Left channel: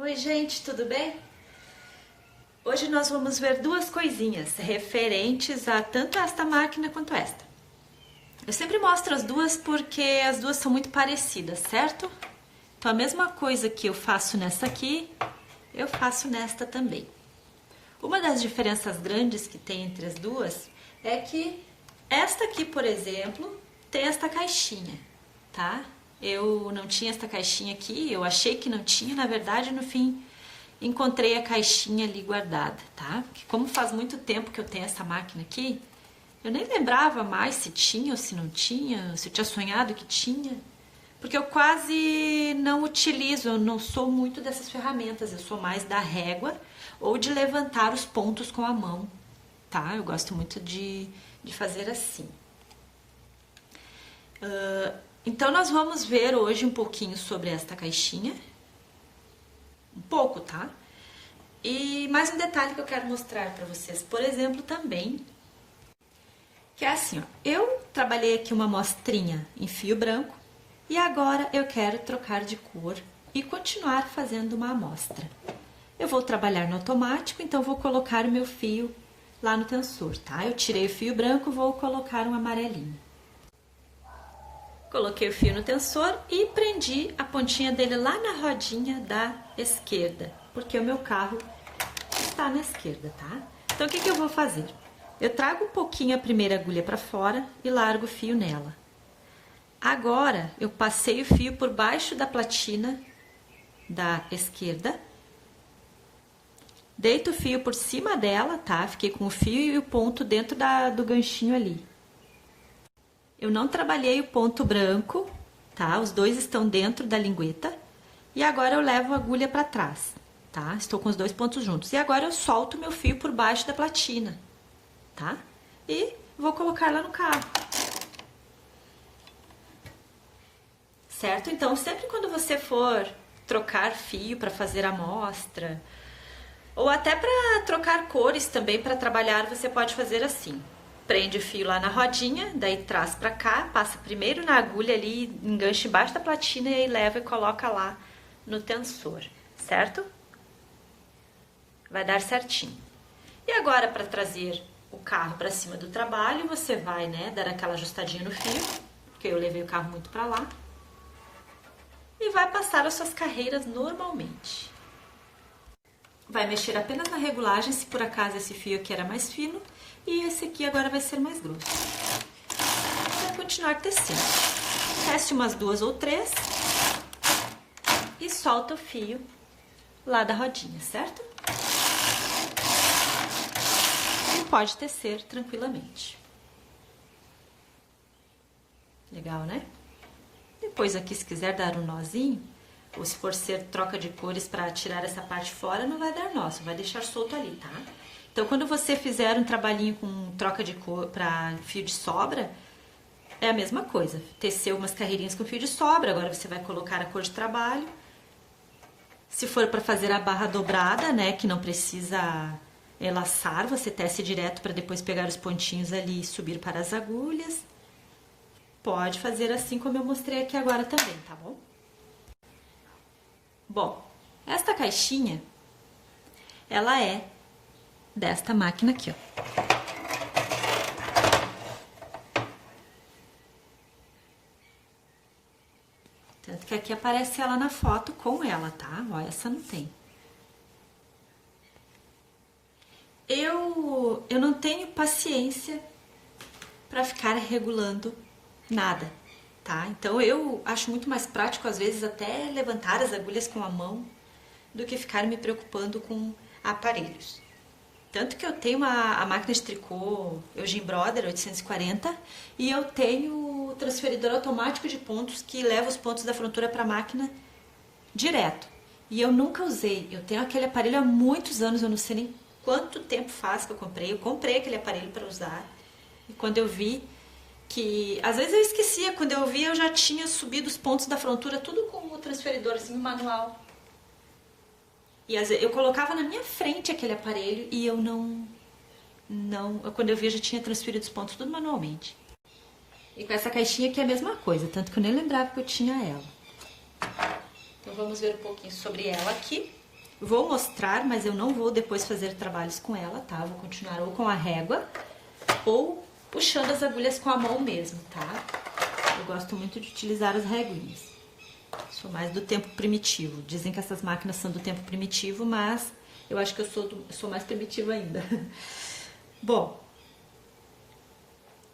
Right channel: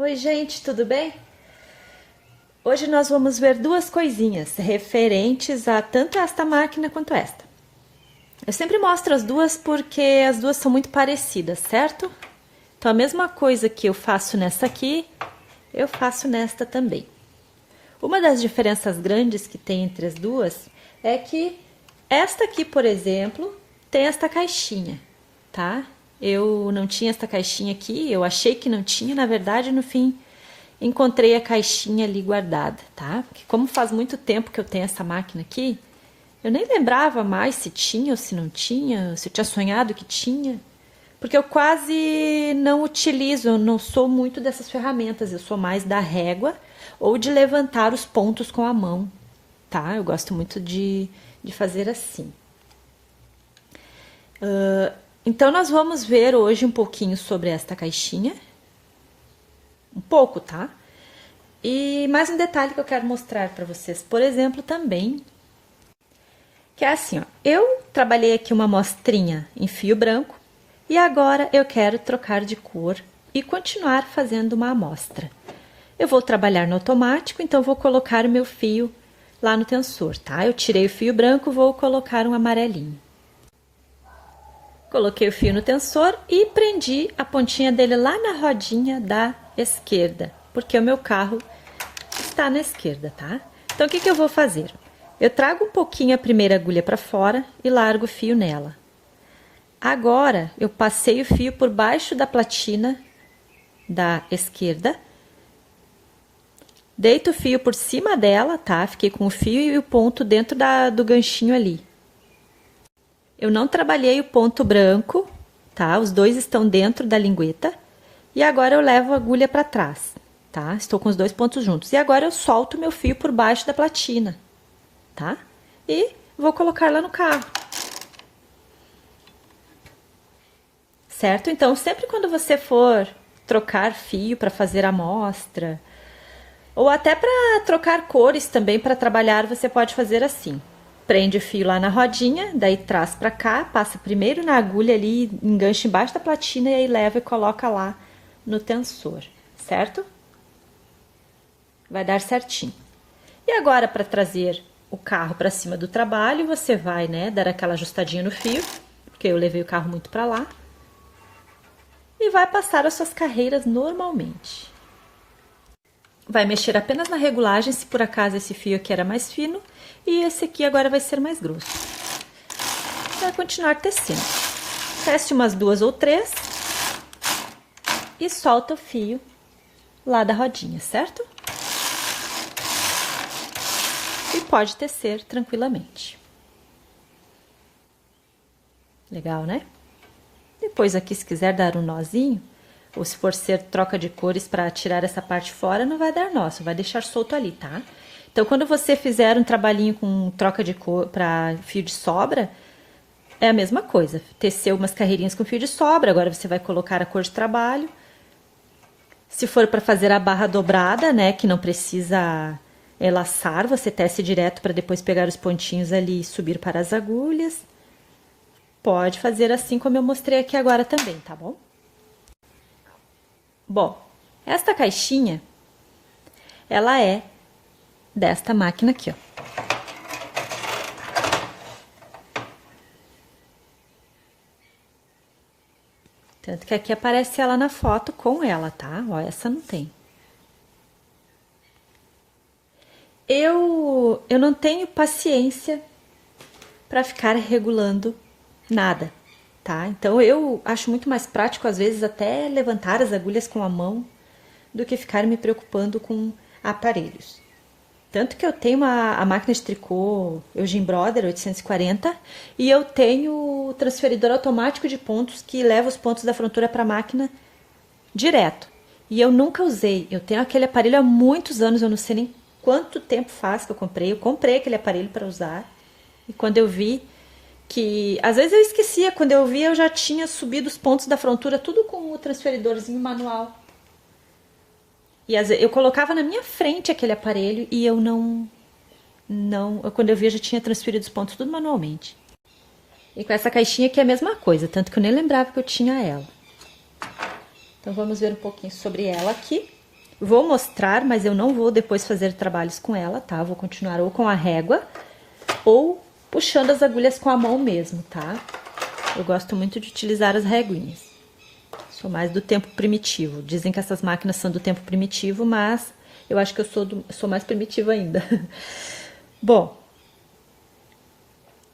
Oi, gente, tudo bem? Hoje nós vamos ver duas coisinhas referentes a tanto esta máquina quanto esta. Eu sempre mostro as duas porque as duas são muito parecidas, certo? Então, a mesma coisa que eu faço nessa aqui, eu faço nesta também. Uma das diferenças grandes que tem entre as duas é que esta aqui, por exemplo, tem esta caixinha, tá? Eu não tinha esta caixinha aqui, eu achei que não tinha, na verdade, no fim, encontrei a caixinha ali guardada, tá? Porque como faz muito tempo que eu tenho essa máquina aqui, eu nem lembrava mais se tinha ou se não tinha, se eu tinha sonhado que tinha, porque eu quase não utilizo, eu não sou muito dessas ferramentas, eu sou mais da régua ou de levantar os pontos com a mão, tá? Eu gosto muito de fazer assim. Então, nós vamos ver hoje um pouquinho sobre esta caixinha. Um pouco, tá? E mais um detalhe que eu quero mostrar para vocês, por exemplo, também, que é assim, ó. Eu trabalhei aqui uma amostrinha em fio branco e agora eu quero trocar de cor e continuar fazendo uma amostra. Eu vou trabalhar no automático, então vou colocar o meu fio lá no tensor, tá? Eu tirei o fio branco, vou colocar um amarelinho. Coloquei o fio no tensor e prendi a pontinha dele lá na rodinha da esquerda, porque o meu carro está na esquerda, tá? Então, o que eu vou fazer? Eu trago um pouquinho a primeira agulha para fora e largo o fio nela. Agora, eu passei o fio por baixo da platina da esquerda, deito o fio por cima dela, tá? Fiquei com o fio e o ponto dentro do ganchinho ali. Eu não trabalhei o ponto branco, tá? Os dois estão dentro da lingueta. E agora eu levo a agulha para trás, tá? Estou com os dois pontos juntos. E agora eu solto meu fio por baixo da platina, tá? E vou colocar lá no carro. Certo? Então, sempre quando você for trocar fio para fazer amostra, ou até para trocar cores também para trabalhar, você pode fazer assim. Prende o fio lá na rodinha, daí traz pra cá, passa primeiro na agulha ali, engancha embaixo da platina e aí leva e coloca lá no tensor, certo? Vai dar certinho. E agora, para trazer o carro para cima do trabalho, você vai, né, dar aquela ajustadinha no fio, porque eu levei o carro muito para lá, e vai passar as suas carreiras normalmente. Vai mexer apenas na regulagem, se por acaso esse fio aqui era mais fino, e esse aqui agora vai ser mais grosso. Vai continuar tecendo. Teste umas 2 ou 3 e solta o fio lá da rodinha, certo? E pode tecer tranquilamente. Legal, né? Depois aqui, se quiser dar um nozinho, ou se for ser troca de cores para tirar essa parte fora, não vai dar nó, vai deixar solto ali, tá? Então, quando você fizer um trabalhinho com troca de cor para fio de sobra, é a mesma coisa. Teceu umas carreirinhas com fio de sobra, agora você vai colocar a cor de trabalho. Se for para fazer a barra dobrada, né, que não precisa laçar, você tece direto para depois pegar os pontinhos ali e subir para as agulhas. Pode fazer assim como eu mostrei aqui agora também, tá bom? Bom, esta caixinha, ela é desta máquina aqui, ó. Tanto que aqui aparece ela na foto com ela, tá? Ó, essa não tem. Eu não tenho paciência para ficar regulando nada, tá? Então, eu acho muito mais prático, às vezes, até levantar as agulhas com a mão do que ficar me preocupando com aparelhos. Tanto que eu tenho a máquina de tricô Eugene Brother 840 e eu tenho o transferidor automático de pontos que leva os pontos da frontura para a máquina direto. E eu nunca usei, eu tenho aquele aparelho há muitos anos, eu não sei nem quanto tempo faz que eu comprei aquele aparelho para usar. E quando eu vi que, às vezes eu esquecia, quando eu vi eu já tinha subido os pontos da frontura tudo com o transferidorzinho manual. E às vezes, eu colocava na minha frente aquele aparelho e eu quando eu vi, eu já tinha transferido os pontos tudo manualmente. E com essa caixinha aqui é a mesma coisa, tanto que eu nem lembrava que eu tinha ela. Então, vamos ver um pouquinho sobre ela aqui. Vou mostrar, mas eu não vou depois fazer trabalhos com ela, tá? Vou continuar ou com a régua ou puxando as agulhas com a mão mesmo, tá? Eu gosto muito de utilizar as reguinhas. Sou mais do tempo primitivo. Dizem que essas máquinas são do tempo primitivo, mas eu acho que eu sou mais primitiva ainda. Bom,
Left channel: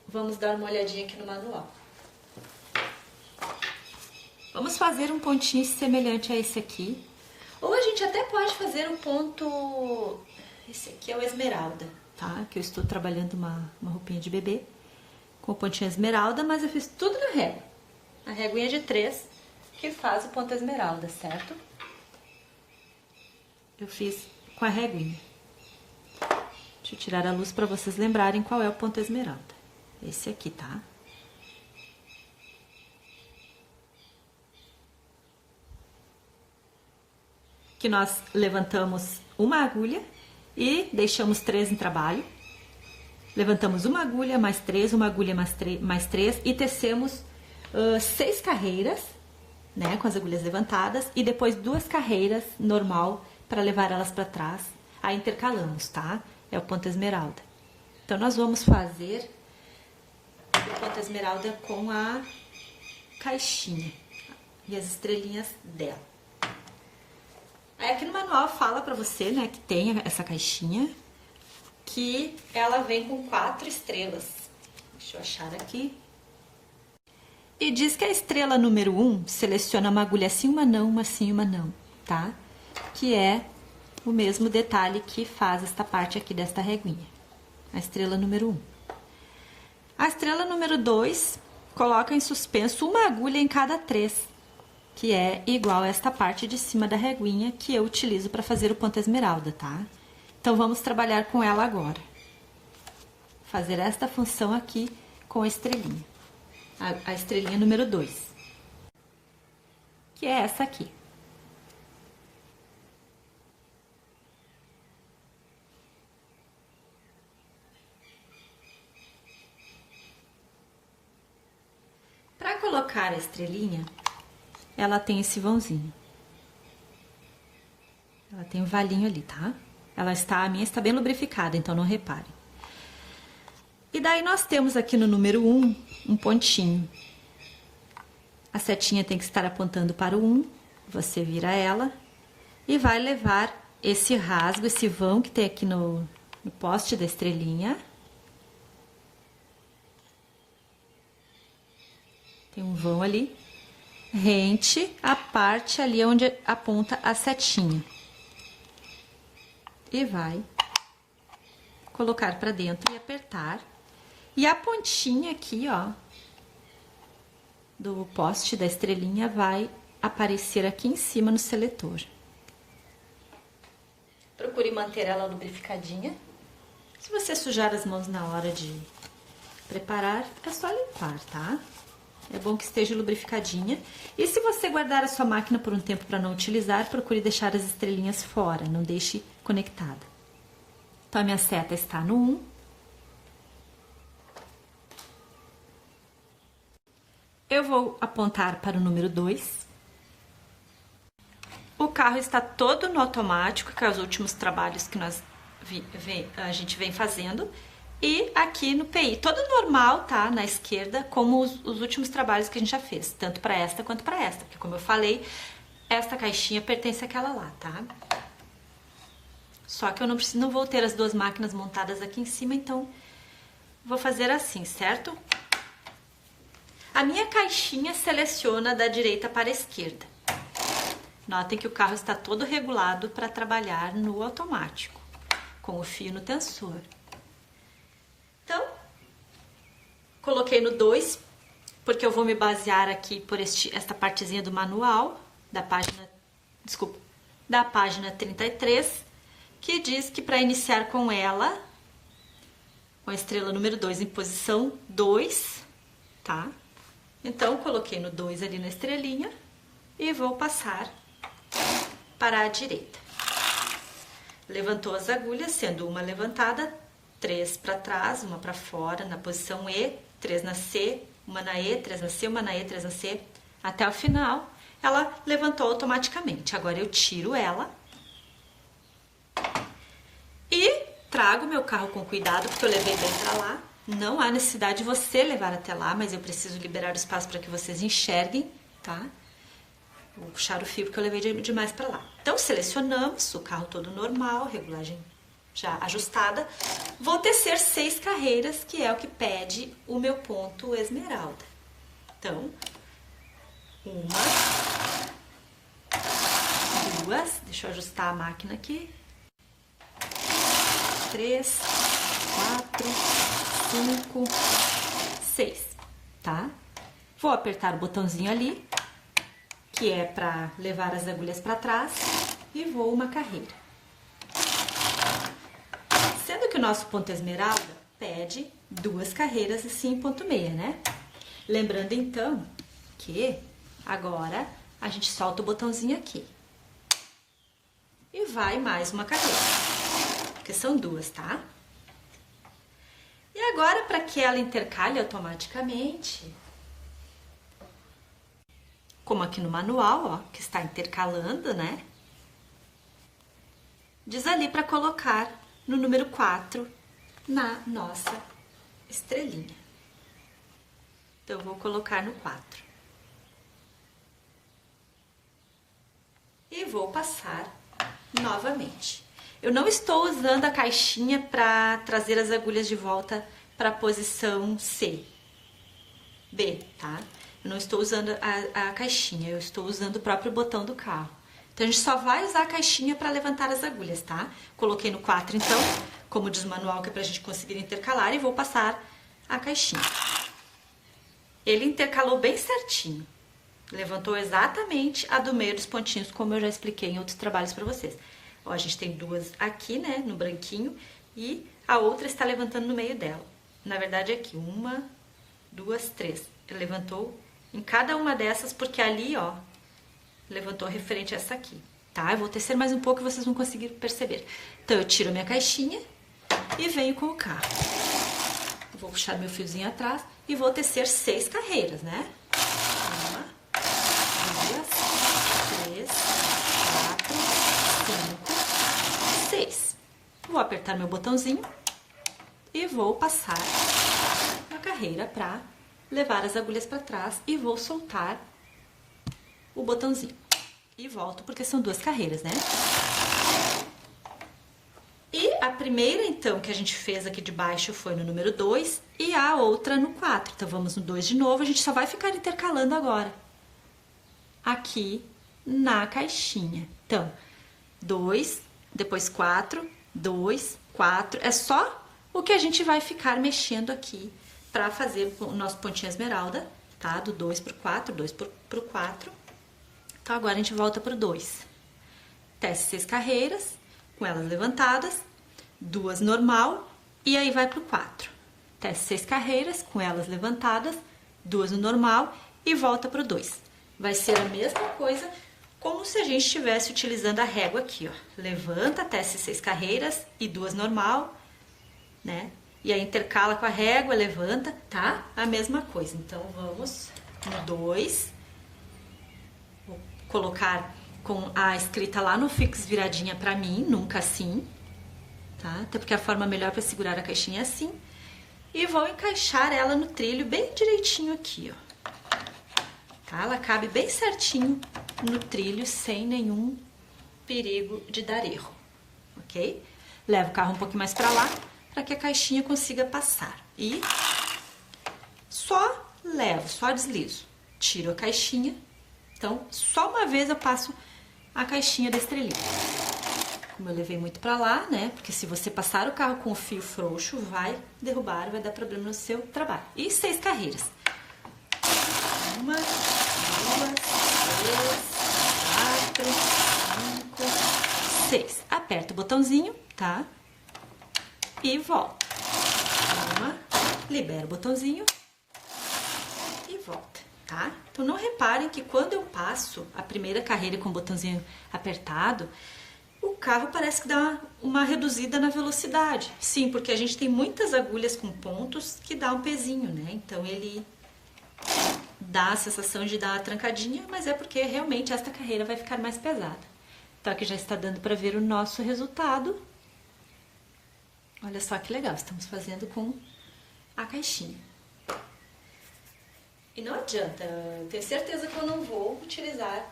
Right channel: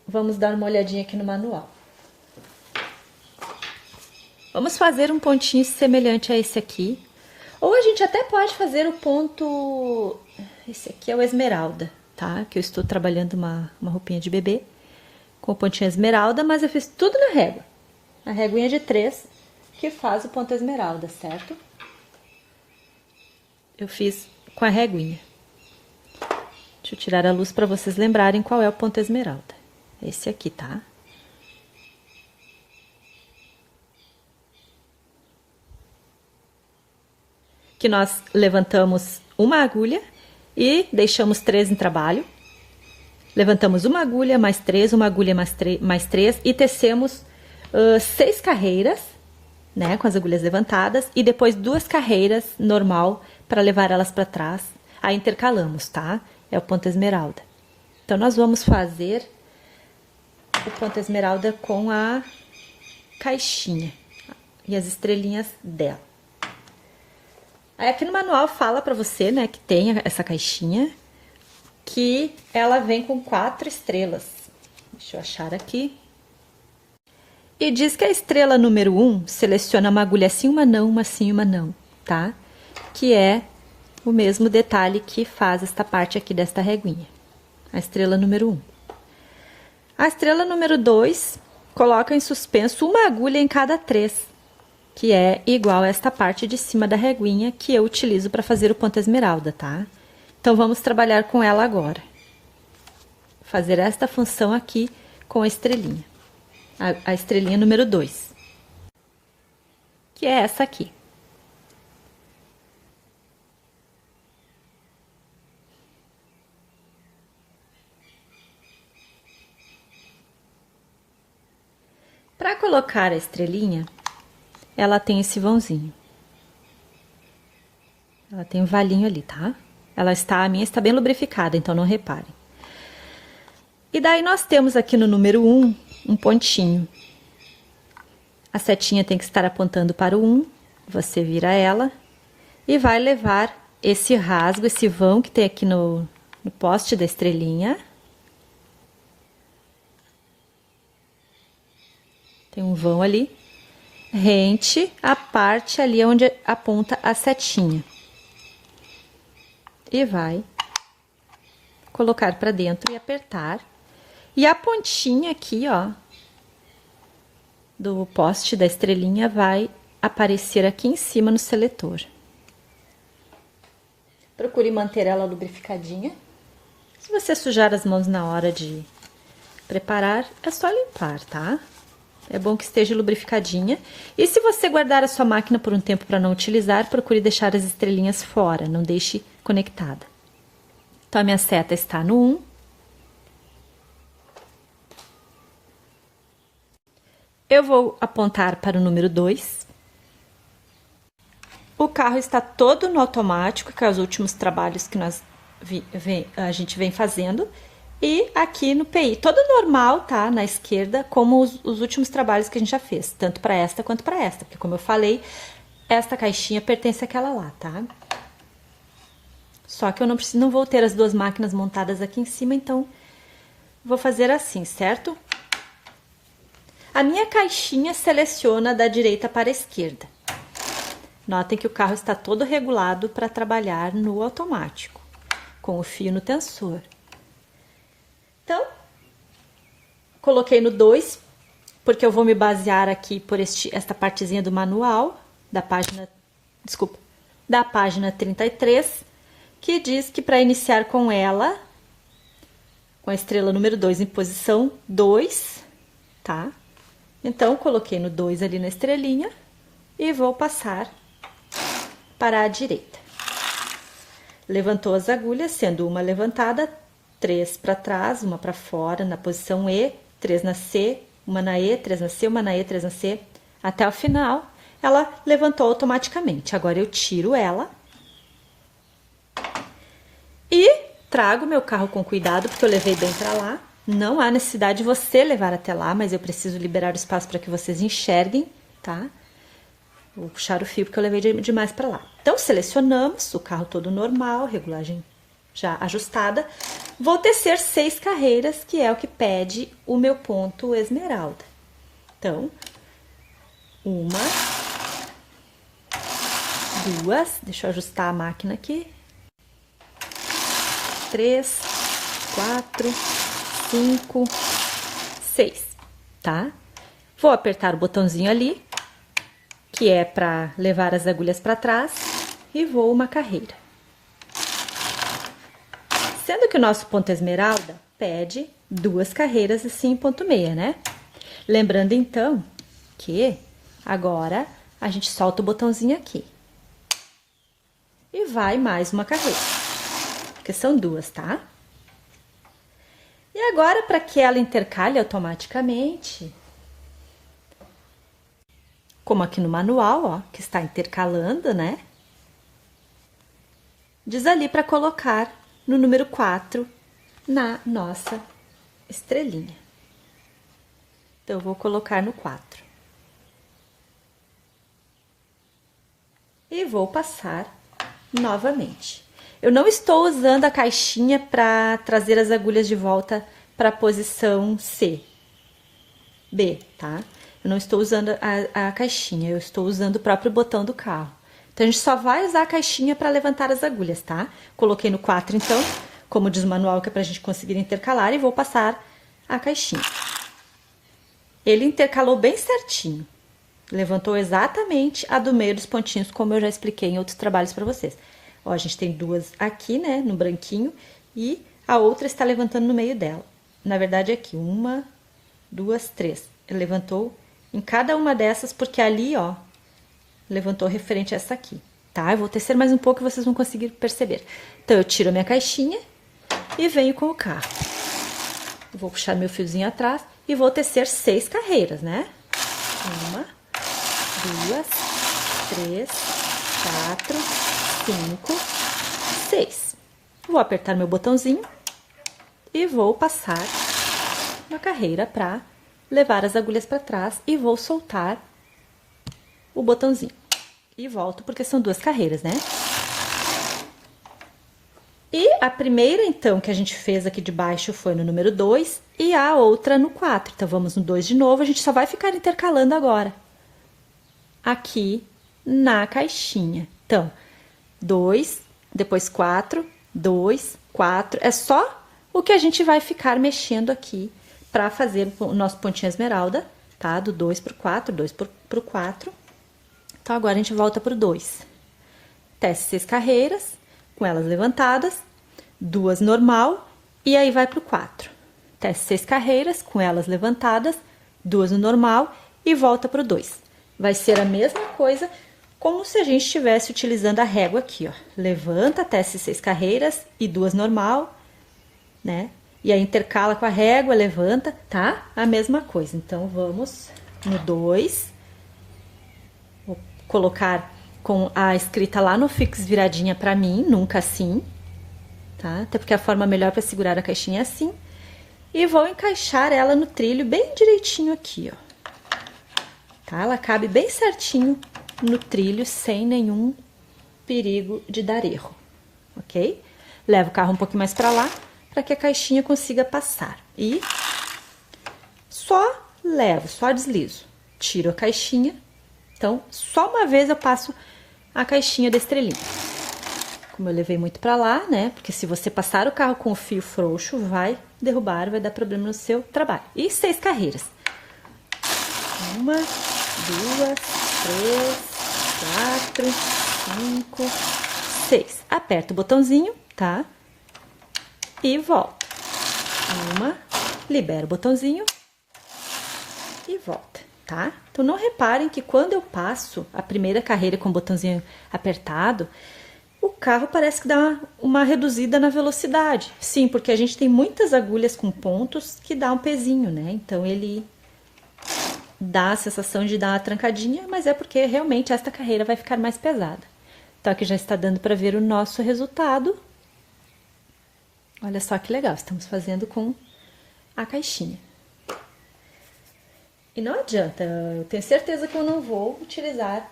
vamos dar uma olhadinha aqui no manual. Vamos fazer um pontinho semelhante a esse aqui. Ou a gente até pode fazer o ponto... Esse aqui é o esmeralda, tá? Que eu estou trabalhando uma roupinha de bebê com o pontinho esmeralda, mas eu fiz tudo na régua. A reguinha de 3 que faz o ponto esmeralda, certo? Eu fiz com a reguinha. Deixa eu tirar a luz para vocês lembrarem qual é o ponto esmeralda. Esse aqui, tá? Que nós levantamos uma agulha e deixamos 3 em trabalho. Levantamos uma agulha, mais 3, uma agulha, mais 3 e tecemos 6 carreiras, né, com as agulhas levantadas e depois 2 carreiras normal para levar elas para trás. Aí intercalamos, tá? É o ponto esmeralda. Então, nós vamos fazer o ponto esmeralda com a caixinha e as estrelinhas dela. Aí, aqui no manual fala pra você, né, que tem essa caixinha, que ela vem com 4 estrelas. Deixa eu achar aqui. E diz que a estrela número 1 seleciona uma agulha assim, uma não, uma sim, uma não, tá? Que é o mesmo detalhe que faz esta parte aqui desta reguinha. A estrela número 1. A estrela número 2 coloca em suspenso uma agulha em cada 3, que é igual a esta parte de cima da reguinha que eu utilizo para fazer o ponto esmeralda, tá? Então, vamos trabalhar com ela agora. Fazer esta função aqui com a estrelinha. A estrelinha número 2. Que é essa aqui. Para colocar a estrelinha, ela tem esse vãozinho. Ela tem um valinho ali, tá? A minha está bem lubrificada, então não reparem. E daí, nós temos aqui no número 1, um pontinho. A setinha tem que estar apontando para o 1, você vira ela e vai levar esse rasgo, esse vão que tem aqui no poste da estrelinha. Tem um vão ali, rente a parte ali onde aponta a setinha. E vai colocar para dentro e apertar. E a pontinha aqui, ó, do poste da estrelinha vai aparecer aqui em cima no seletor. Procure manter ela lubrificadinha. Se você sujar as mãos na hora de preparar, é só limpar, tá? É bom que esteja lubrificadinha. E se você guardar a sua máquina por um tempo para não utilizar, procure deixar as estrelinhas fora, não deixe conectada. Então, a minha seta está no 1. Eu vou apontar para o número 2. O carro está todo no automático, que é os últimos trabalhos que a gente vem fazendo. E aqui no PI, todo normal, tá? Na esquerda, como os últimos trabalhos que a gente já fez, tanto para esta quanto para esta. Porque, como eu falei, esta caixinha pertence àquela lá, tá? Só que eu não vou ter as 2 máquinas montadas aqui em cima, então, vou fazer assim, certo? A minha caixinha seleciona da direita para a esquerda. Notem que o carro está todo regulado para trabalhar no automático, com o fio no tensor. Então, coloquei no 2, porque eu vou me basear aqui por esta partezinha do manual, da página 33, que diz que para iniciar com ela, com a estrela número 2 em posição 2, tá? Então, coloquei no 2 ali na estrelinha e vou passar para a direita. Levantou as agulhas, sendo uma levantada, 3 para trás, uma para fora, na posição E, 3 na C, uma na E, 3 na C, uma na E, 3 na C, até o final, ela levantou automaticamente. Agora, eu tiro ela trago meu carro com cuidado, porque eu levei bem pra lá. Não há necessidade de você levar até lá, mas eu preciso liberar o espaço para que vocês enxerguem, tá? Vou puxar o fio porque eu levei demais para lá. Então, selecionamos o carro todo normal, regulagem já ajustada. Vou tecer 6 carreiras, que é o que pede o meu ponto esmeralda. Então, 1, 2, deixa eu ajustar a máquina aqui. 3, 4, 5, 6, tá? Vou apertar o botãozinho ali, que é para levar as agulhas para trás, e vou uma carreira. Sendo que o nosso ponto esmeralda pede 2 carreiras assim, ponto meia, né? Lembrando, então, que agora a gente solta o botãozinho aqui. E vai mais uma carreira, porque são 2, tá? E agora, para que ela intercale automaticamente, como aqui no manual, ó, que está intercalando, né? Diz ali para colocar no número 4 na nossa estrelinha. Então, eu vou colocar no 4. E vou passar novamente. Eu não estou usando a caixinha para trazer as agulhas de volta para a posição C, B, tá? Eu não estou usando a caixinha, eu estou usando o próprio botão do carro. Então, a gente só vai usar a caixinha para levantar as agulhas, tá? Coloquei no 4, então, como diz o manual, que é pra gente conseguir intercalar, e vou passar a caixinha. Ele intercalou bem certinho. Levantou exatamente a do meio dos pontinhos, como eu já expliquei em outros trabalhos para vocês. Ó, a gente tem 2 aqui, né, no branquinho, e a outra está levantando no meio dela. Na verdade, aqui, 1, 2, 3. Ele levantou em cada uma dessas, porque ali, ó, levantou referente a essa aqui, tá? Eu vou tecer mais um pouco e vocês vão conseguir perceber. Então, eu tiro a minha caixinha e venho com o carro. Vou puxar meu fiozinho atrás e vou tecer 6 carreiras, né? 1, 2, 3, 4, 5, 6. Vou apertar meu botãozinho e vou passar uma carreira para levar as agulhas para trás e vou soltar o botãozinho. E volto, porque são 2 carreiras, né? E a primeira, então, que a gente fez aqui de baixo foi no número 2 e a outra no 4. Então, vamos no 2 de novo, a gente só vai ficar intercalando agora. Aqui na caixinha. Então, 2, depois 4, 2, 4. É só o que a gente vai ficar mexendo aqui para fazer o nosso pontinho esmeralda, tá? Do 2 pro 4, 2 pro 4. Então, agora a gente volta pro 2. Tece 6 carreiras, com elas levantadas, 2 normal, e aí vai pro 4. Tece 6 carreiras, com elas levantadas, 2 no normal, e volta pro 2. Vai ser a mesma coisa, como se a gente estivesse utilizando a régua aqui, ó. Levanta, tece 6 carreiras e 2 normal, né? E aí intercala com a régua, levanta, tá? A mesma coisa. Então, vamos no 2. Vou colocar com a escrita lá no Fix viradinha pra mim, nunca assim, tá? Até porque a forma melhor pra segurar a caixinha é assim. E vou encaixar ela no trilho bem direitinho aqui, ó. Tá? Ela cabe bem certinho no trilho, sem nenhum perigo de dar erro, ok? Levo o carro um pouquinho mais pra lá, para que a caixinha consiga passar. E só levo, só deslizo. Tiro a caixinha. Então, só uma vez eu passo a caixinha da estrelinha. Como eu levei muito pra lá, né? Porque se você passar o carro com o fio frouxo, vai derrubar, vai dar problema no seu trabalho. E 6 carreiras. 1, 2, 3, 4, 5, 6. Aperta o botãozinho, tá? E volta. 1, libera o botãozinho e volta, tá? Então, não reparem que quando eu passo a primeira carreira com o botãozinho apertado, o carro parece que dá uma reduzida na velocidade. Sim, porque a gente tem muitas agulhas com pontos que dá um pezinho, né? Então, ele dá a sensação de dar uma trancadinha, mas é porque realmente esta carreira vai ficar mais pesada. Então, aqui já está dando para ver o nosso resultado. Olha só que legal, estamos fazendo com a caixinha. E não adianta, eu tenho certeza que eu não vou utilizar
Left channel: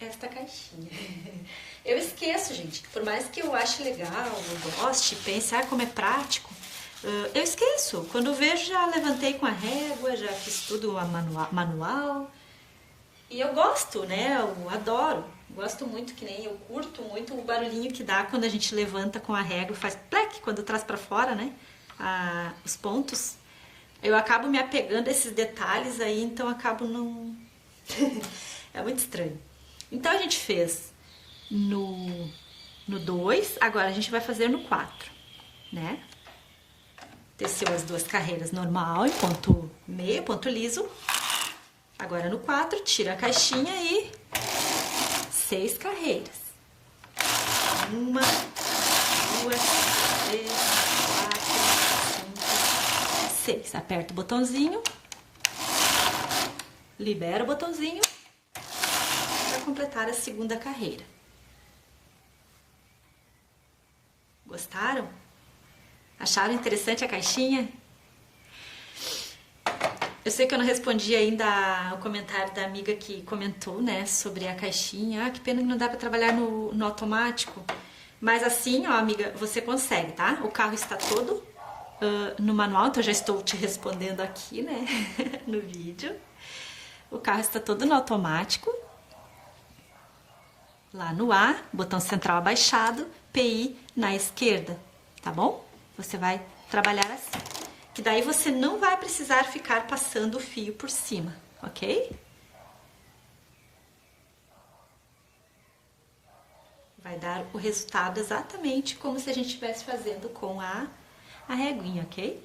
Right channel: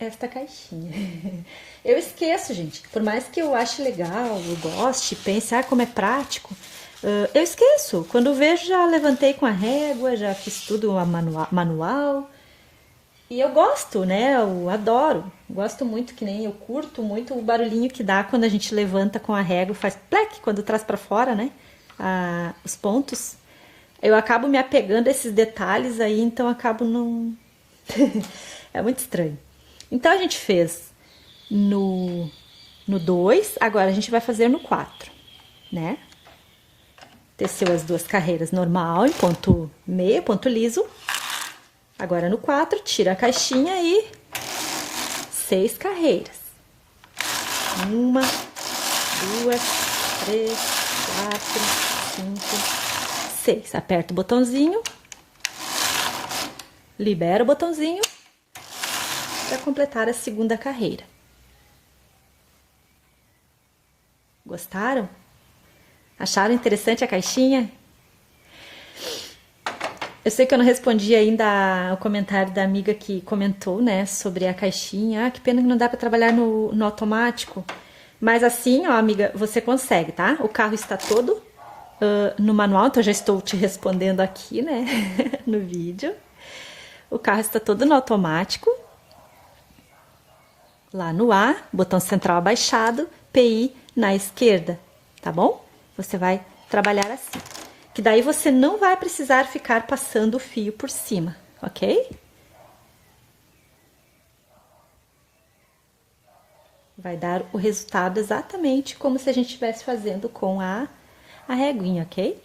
esta caixinha. Eu esqueço, gente. Por mais que eu ache legal, eu goste, pense, como é prático, eu esqueço. Quando eu vejo, já levantei com a régua, já fiz tudo manual. E eu gosto, né? Eu adoro. Gosto muito, que nem eu curto muito o barulhinho que dá quando a gente levanta com a régua, faz plec quando traz pra fora, né? Os pontos. Eu acabo me apegando a esses detalhes aí, então acabo não... É muito estranho. Então, a gente fez no 2, agora a gente vai fazer no 4, né? Teceu as duas carreiras normal, em ponto meio, ponto liso. Agora no 4, tira a caixinha e 6 carreiras. 1, 2, 3, 4, 5, 6. Aperta o botãozinho, libera o botãozinho para completar a segunda carreira. Gostaram? Acharam interessante a caixinha? Eu sei que eu não respondi ainda o comentário da amiga que comentou, né, sobre a caixinha. Que pena que não dá para trabalhar no automático. Mas assim, ó, amiga, você consegue, tá? O carro está todo no manual, então eu já estou te respondendo aqui, né, no vídeo. O carro está todo no automático. Lá no A, botão central abaixado, PI na esquerda, tá bom? Você vai trabalhar assim. Que daí você não vai precisar ficar passando o fio por cima, ok? Vai dar o resultado exatamente como se a gente estivesse fazendo com a reguinha, ok?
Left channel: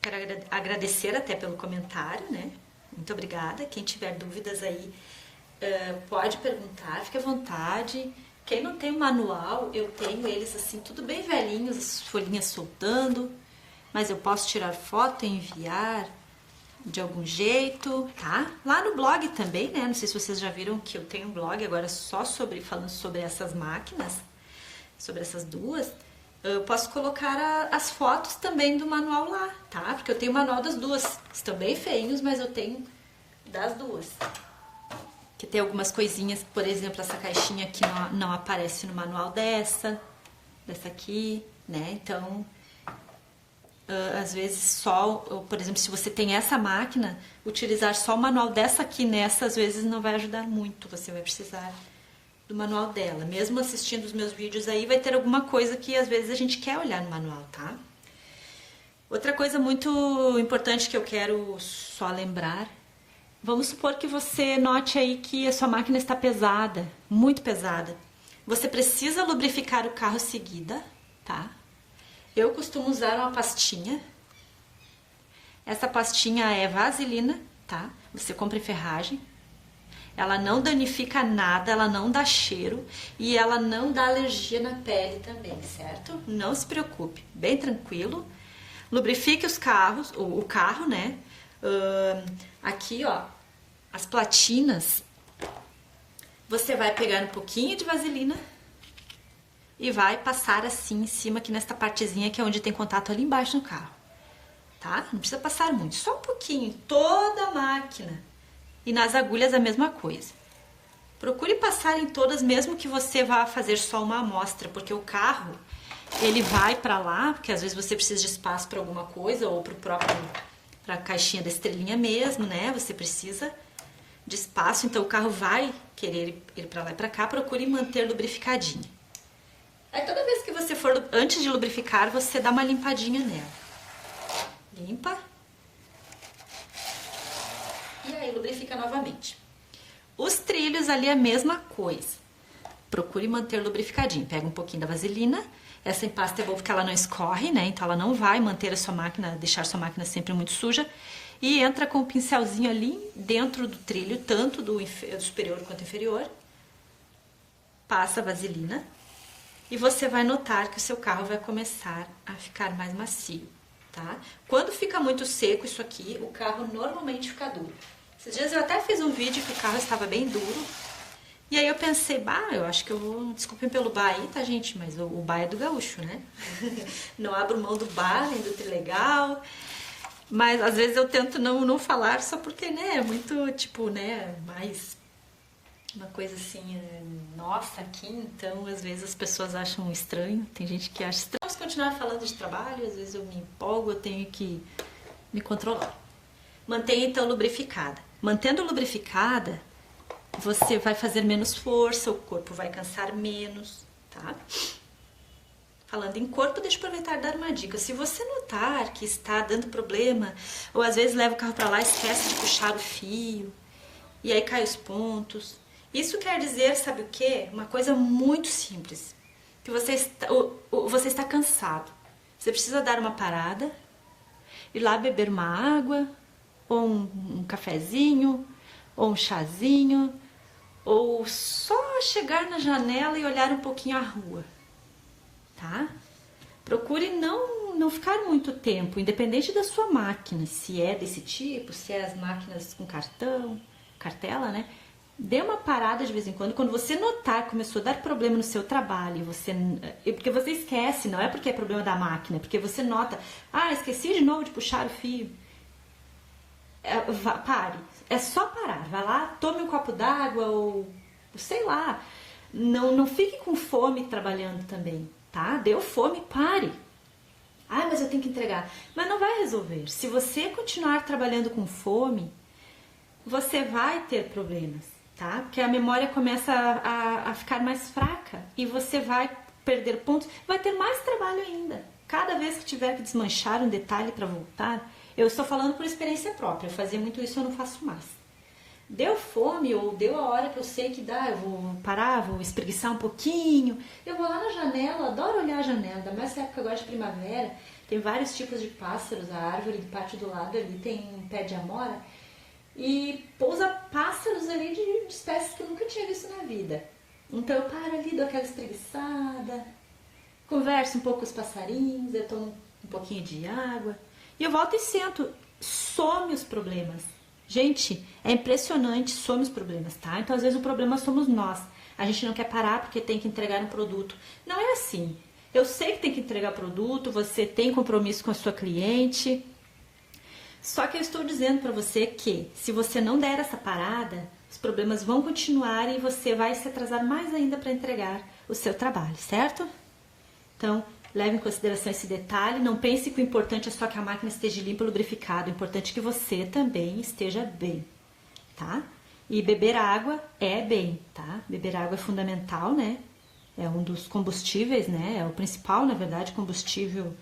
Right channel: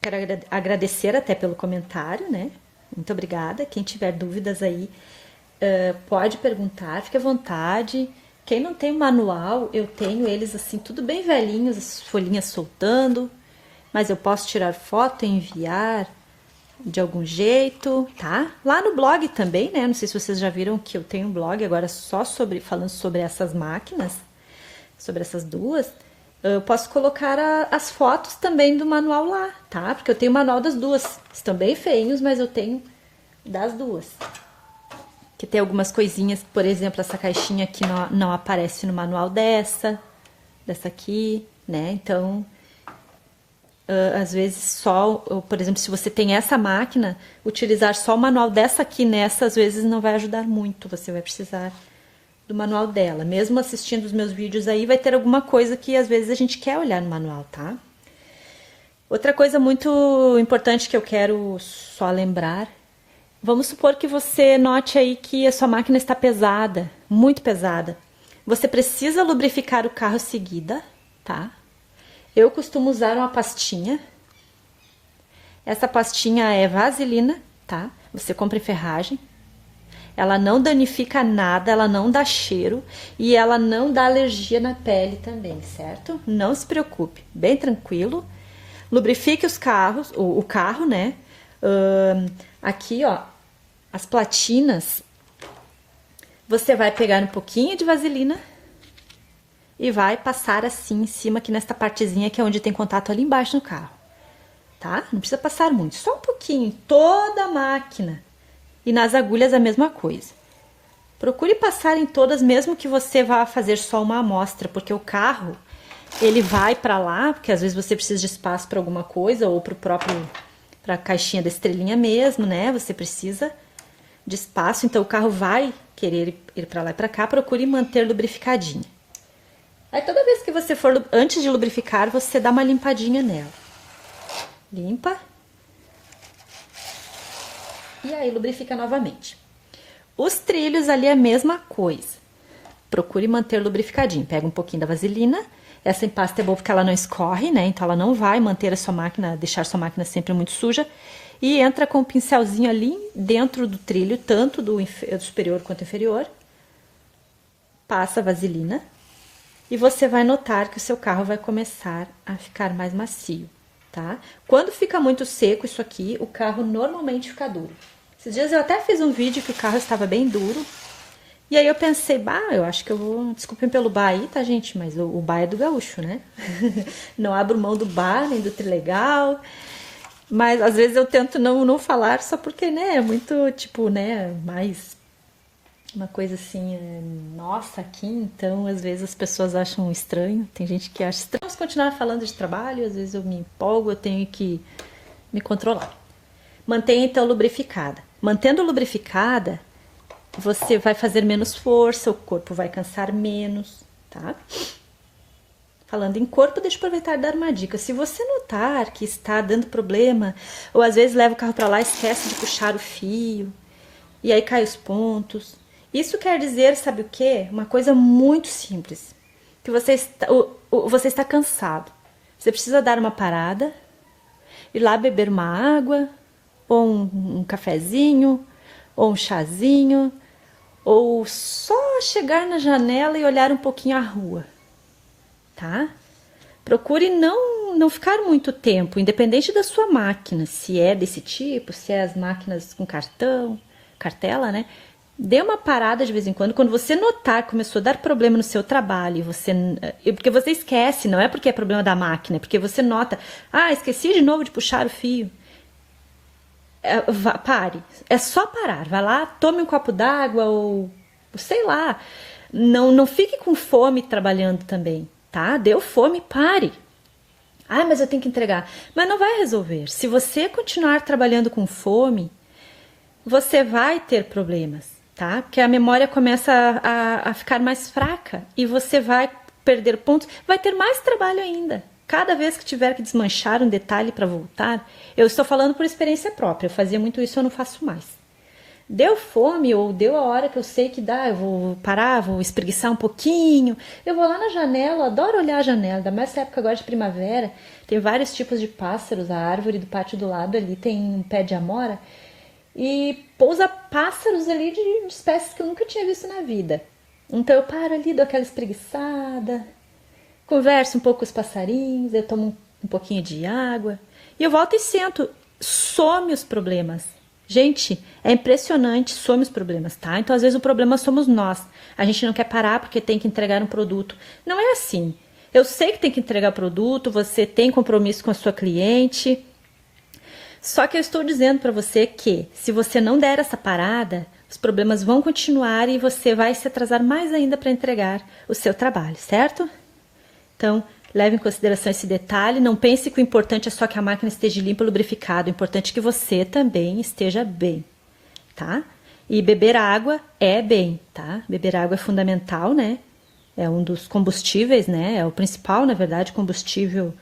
Quero agradecer até pelo comentário, né? Muito obrigada. Quem tiver dúvidas aí, pode perguntar, fique à vontade. Quem não tem o manual, eu tenho eles assim, tudo bem velhinhos, as folhinhas soltando. Mas eu posso tirar foto e enviar de algum jeito, tá? Lá no blog também, né? Não sei se vocês já viram que eu tenho um blog agora só falando sobre essas máquinas, sobre essas duas. Eu posso colocar as fotos também do manual lá, tá? Porque eu tenho o manual das duas. Estão bem feinhos, mas eu tenho das duas. Que tem algumas coisinhas, por exemplo, essa caixinha aqui não aparece no manual dessa aqui, né? Então, às vezes só, por exemplo, se você tem essa máquina, utilizar só o manual dessa aqui nessa, às vezes não vai ajudar muito. Você vai precisar do manual dela. Mesmo assistindo os meus vídeos aí, vai ter alguma coisa que às vezes a gente quer olhar no manual, tá? Outra coisa muito importante que eu quero só lembrar, vamos supor que você note aí que a sua máquina está pesada, muito pesada. Você precisa lubrificar o carro seguida, tá? Eu costumo usar uma pastinha. Essa pastinha é vaselina, tá? Você compra em ferragem. Ela não danifica nada, ela não dá cheiro e ela não dá alergia na pele também, certo? Não se preocupe, bem tranquilo. Lubrifique os carros, o carro, né? Aqui, ó, as platinas, você vai pegar um pouquinho de vaselina e vai passar assim em cima, aqui nesta partezinha que é onde tem contato ali embaixo no carro, tá? Não precisa passar muito, só um pouquinho, em toda a máquina. E nas agulhas a mesma coisa. Procure passar em todas, mesmo que você vá fazer só uma amostra, porque o carro, ele vai para lá, porque às vezes você precisa de espaço para alguma coisa, ou para a caixinha da estrelinha mesmo, né? Você precisa de espaço, então o carro vai querer ir para lá e para cá, procure manter lubrificadinha. Aí toda vez que você for, antes de lubrificar, você dá uma limpadinha nela. Limpa. E aí lubrifica novamente. Os trilhos ali é a mesma coisa. Procure manter lubrificadinho. Pega um pouquinho da vaselina. Essa empasta é boa porque ela não escorre, né? Então ela não vai manter a sua máquina, deixar a sua máquina sempre muito suja. E entra com o pincelzinho ali dentro do trilho, tanto do superior quanto inferior. Passa a vaselina. E você vai notar que o seu carro vai começar a ficar mais macio, tá? Quando fica muito seco isso aqui, o carro normalmente fica duro. Esses dias eu até fiz um vídeo que o carro estava bem duro E aí eu pensei, bah, eu acho que eu vou, desculpem pelo bar aí, tá, gente? Mas o bar é do gaúcho, né? Não abro mão do bar, nem do trilegal. Mas às vezes eu tento não falar só porque, né, é muito, tipo, né, mais uma coisa assim, nossa, aqui, então às vezes as pessoas acham estranho, tem gente que acha estranho. Vamos continuar falando de trabalho, às vezes eu me empolgo, eu tenho que me controlar. Mantenha então lubrificada. Mantendo lubrificada, você vai fazer menos força, o corpo vai cansar menos, tá? Falando em corpo, deixa eu aproveitar e dar uma dica. Se você notar que está dando problema, ou às vezes leva o carro para lá e esquece de puxar o fio, e aí cai os pontos. Isso quer dizer, sabe o quê? Uma coisa muito simples. Que você está cansado. Você precisa dar uma parada, ir lá beber uma água, ou um cafezinho, ou um chazinho, ou só chegar na janela e olhar um pouquinho a rua. Tá? Procure não ficar muito tempo, independente da sua máquina, se é desse tipo, se é as máquinas com cartela, né? Dê uma parada de vez em quando você notar que começou a dar problema no seu trabalho, porque você esquece, não é porque é problema da máquina, é porque você nota, esqueci de novo de puxar o fio. Pare, é só parar, vai lá, tome um copo d'água ou sei lá, não fique com fome trabalhando também. Tá? Deu fome, pare. Mas eu tenho que entregar. Mas não vai resolver. Se você continuar trabalhando com fome, você vai ter problemas, tá? Porque a memória começa a ficar mais fraca e você vai perder pontos, vai ter mais trabalho ainda. Cada vez que tiver que desmanchar um detalhe para voltar, eu estou falando por experiência própria, eu fazia muito isso, eu não faço mais. Deu fome ou deu a hora que eu sei que dá, eu vou parar, vou espreguiçar um pouquinho, eu vou lá na janela, adoro olhar a janela, ainda mais nessa época agora de primavera, tem vários tipos de pássaros, a árvore do pátio do lado ali tem um pé de amora e pousa pássaros ali de espécies que eu nunca tinha visto na vida. Então eu paro ali, dou aquela espreguiçada, converso um pouco com os passarinhos, eu tomo um pouquinho de água e eu volto e sento, some os problemas. Gente, é impressionante, some os problemas, tá? Então, às vezes, o problema somos nós. A gente não quer parar porque tem que entregar um produto. Não é assim. Eu sei que tem que entregar produto, você tem compromisso com a sua cliente. Só que eu estou dizendo para você que, se você não der essa parada, os problemas vão continuar e você vai se atrasar mais ainda para entregar o seu trabalho, certo? Então, leve em consideração esse detalhe, não pense que o importante é só que a máquina esteja limpa e lubrificada, o importante é que você também esteja bem, tá? E beber água é bem, tá? Beber água é fundamental, né? É um dos combustíveis, né? É o principal, na verdade, combustível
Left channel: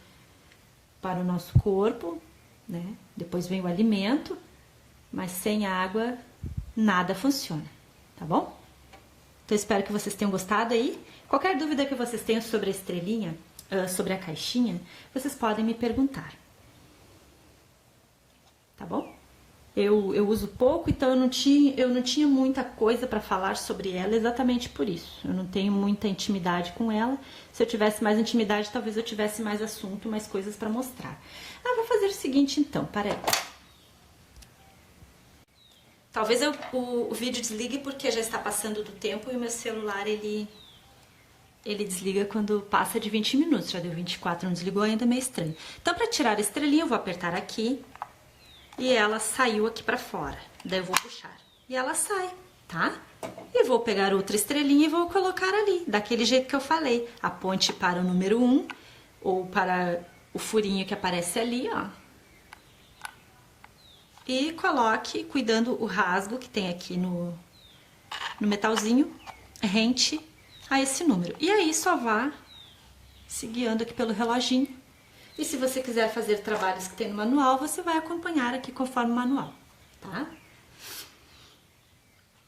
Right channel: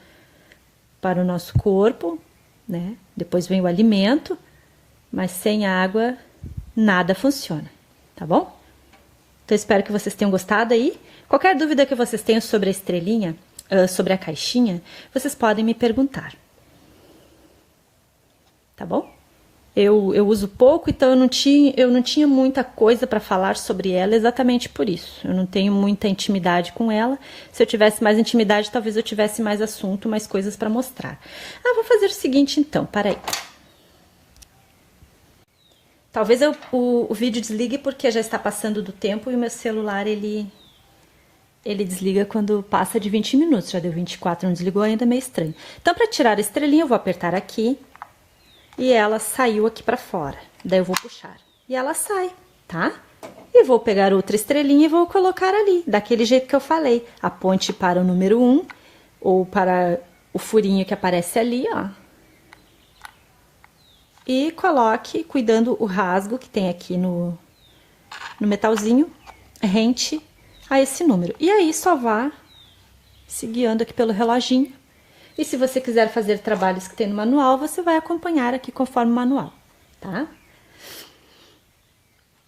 para o nosso corpo, né? Depois vem o alimento, mas sem água nada funciona, tá bom? Então, espero que vocês tenham gostado aí. Qualquer dúvida que vocês tenham sobre a estrelinha, sobre a caixinha, vocês podem me perguntar. Tá bom? Eu uso pouco, então eu não tinha muita coisa para falar sobre ela exatamente por isso. Eu não tenho muita intimidade com ela. Se eu tivesse mais intimidade, talvez eu tivesse mais assunto, mais coisas para mostrar. Vou fazer o seguinte então, para aí. Talvez o vídeo desligue porque já está passando do tempo e o meu celular, ele desliga quando passa de 20 minutos. Já deu 24, não desligou ainda, meio estranho. Então, para tirar a estrelinha, eu vou apertar aqui e ela saiu aqui para fora. Daí eu vou puxar e ela sai, tá? E vou pegar outra estrelinha e vou colocar ali, daquele jeito que eu falei. Aponte para o número 1 ou para o furinho que aparece ali, ó. E coloque, cuidando o rasgo que tem aqui no metalzinho, rente a esse número. E aí, só vá se guiando aqui pelo reloginho. E se você quiser fazer trabalhos que tem no manual, você vai acompanhar aqui conforme o manual, tá?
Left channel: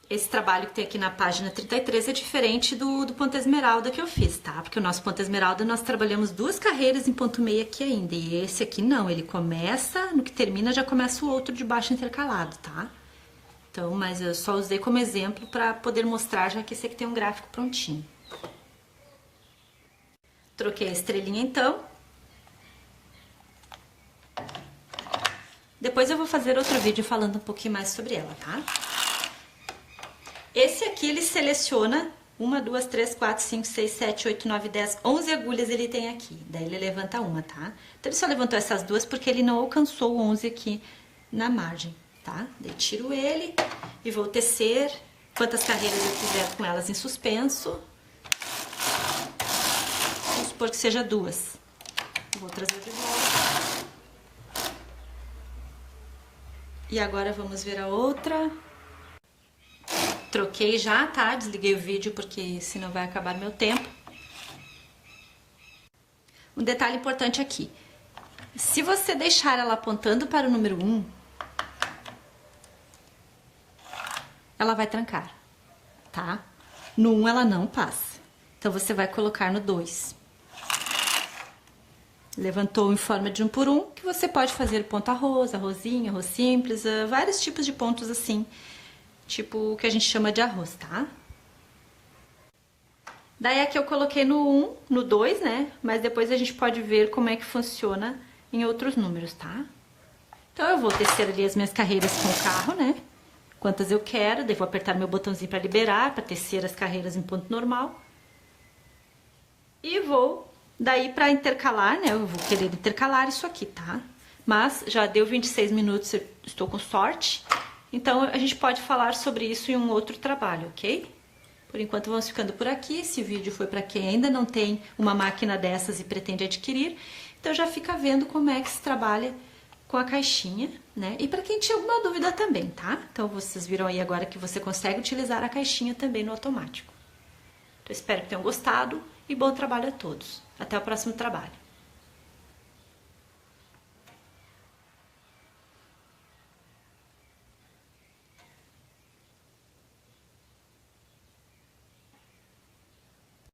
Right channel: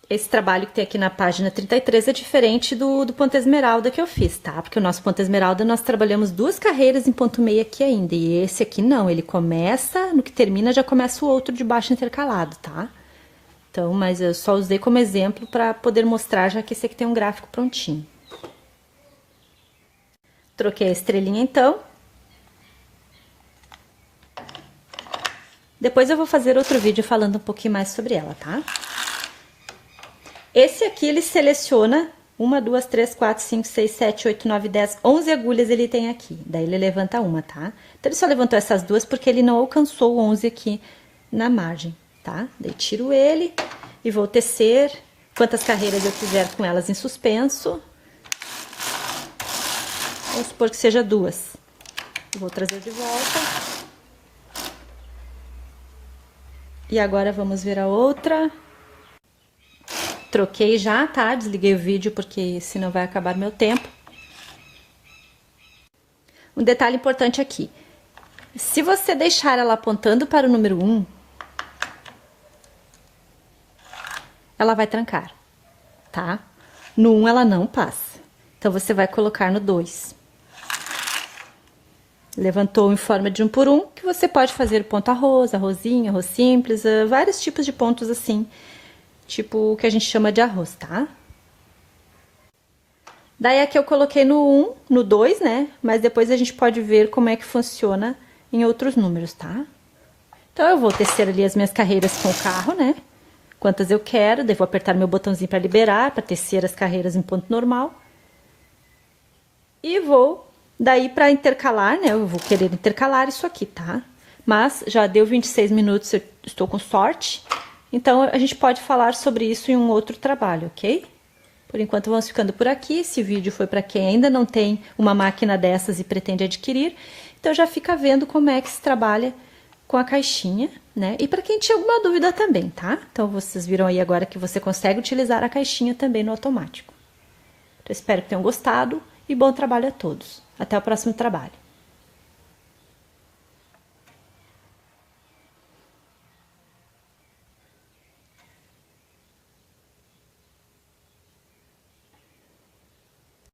Esse trabalho que tem aqui na página 33 é diferente do ponto esmeralda que eu fiz, tá? Porque o nosso ponto esmeralda, nós trabalhamos 2 carreiras em ponto meio aqui ainda. E esse aqui não, ele começa, no que termina, já começa o outro de baixo intercalado, tá? Então, mas eu só usei como exemplo para poder mostrar, já que esse aqui tem um gráfico prontinho. Troquei a estrelinha, então. Depois eu vou fazer outro vídeo falando um pouquinho mais sobre ela, tá? Esse aqui ele seleciona 1, 2, 3, 4, 5, 6, 7, 8, 9, 10, 11 agulhas ele tem aqui. Daí ele levanta uma, tá? Então ele só levantou essas duas porque ele não alcançou 11 aqui na margem, tá? Daí tiro ele e vou tecer quantas carreiras eu quiser com elas em suspenso. Vamos supor que seja 2. Eu vou trazer de volta. E agora vamos ver a outra. Troquei já, tá? Desliguei o vídeo porque senão vai acabar meu tempo. Um detalhe importante aqui. Se você deixar ela apontando para o número 1, ela vai trancar, tá? No 1 ela não passa. Então, você vai colocar no 2. Levantou em forma de 1 por 1, que você pode fazer ponto arroz, arrozinho, arroz simples, vários tipos de pontos assim. Tipo o que a gente chama de arroz, tá? Daí aqui eu coloquei no 1, no 2, né? Mas depois a gente pode ver como é que funciona em outros números, tá? Então, eu vou tecer ali as minhas carreiras com o carro, né? Quantas eu quero, daí vou apertar meu botãozinho para liberar, para tecer as carreiras em ponto normal. E vou, daí para intercalar, né? Eu vou querer intercalar isso aqui, tá? Mas já deu 26 minutos, eu estou com sorte. Então, a gente pode falar sobre isso em um outro trabalho, ok? Por enquanto, vamos ficando por aqui. Esse vídeo foi para quem ainda não tem uma máquina dessas e pretende adquirir. Então, já fica vendo como é que se trabalha com a caixinha, né? E para quem tinha alguma dúvida também, tá? Então, vocês viram aí agora que você consegue utilizar a caixinha também no automático. Então, espero que tenham gostado e bom trabalho a todos. Até o próximo trabalho.